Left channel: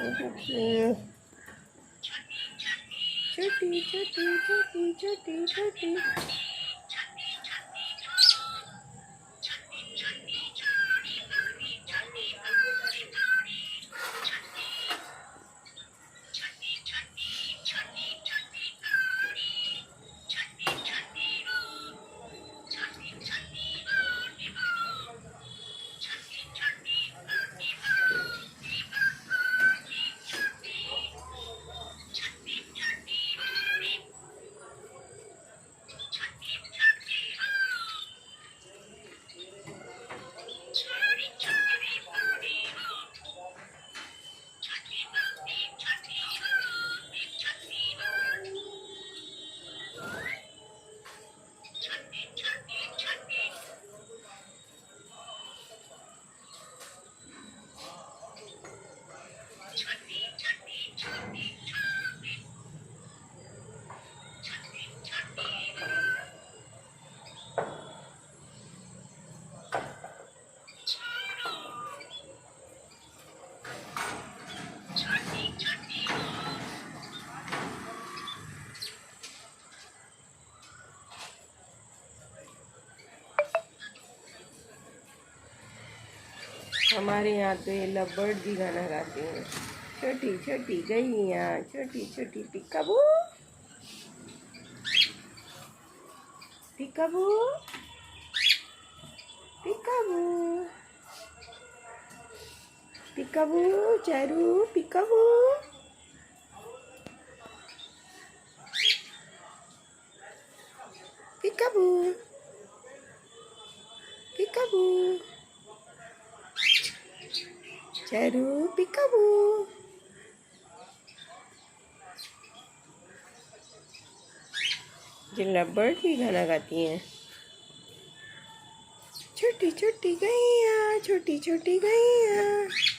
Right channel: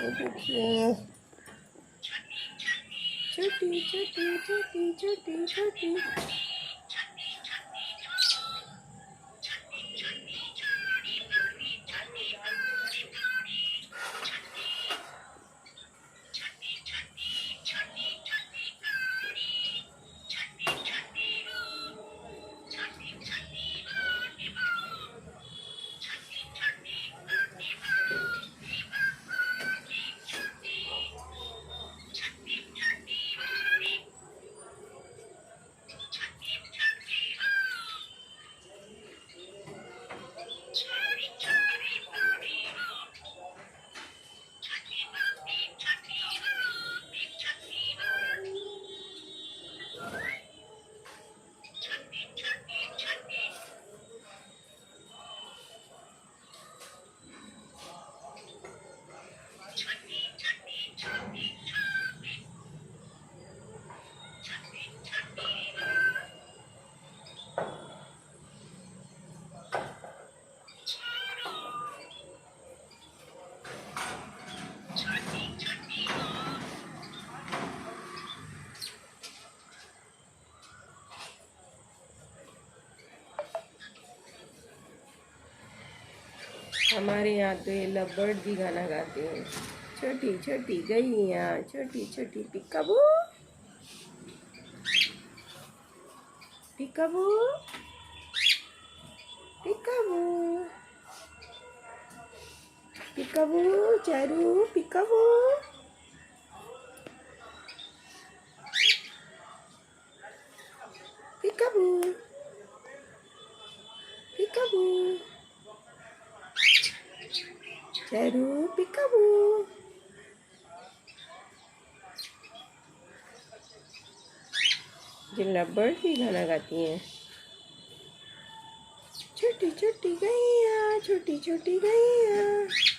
ये देखिए छोटी छोटी छोटी छोटी छोटी। हमारे यहाँ तो ये लव भी गाना गाते हैं। छोटी छोटी गैया छोटी छोटी पिकाबू पिकाबू पिकाबू पिकाबू चारू पिकाबू। पिकाबू पिकाबू चारू पिकाबू। ये लव भी गाना गाती हैं। छोटी छोटी गैया छोटी छोटी गैया।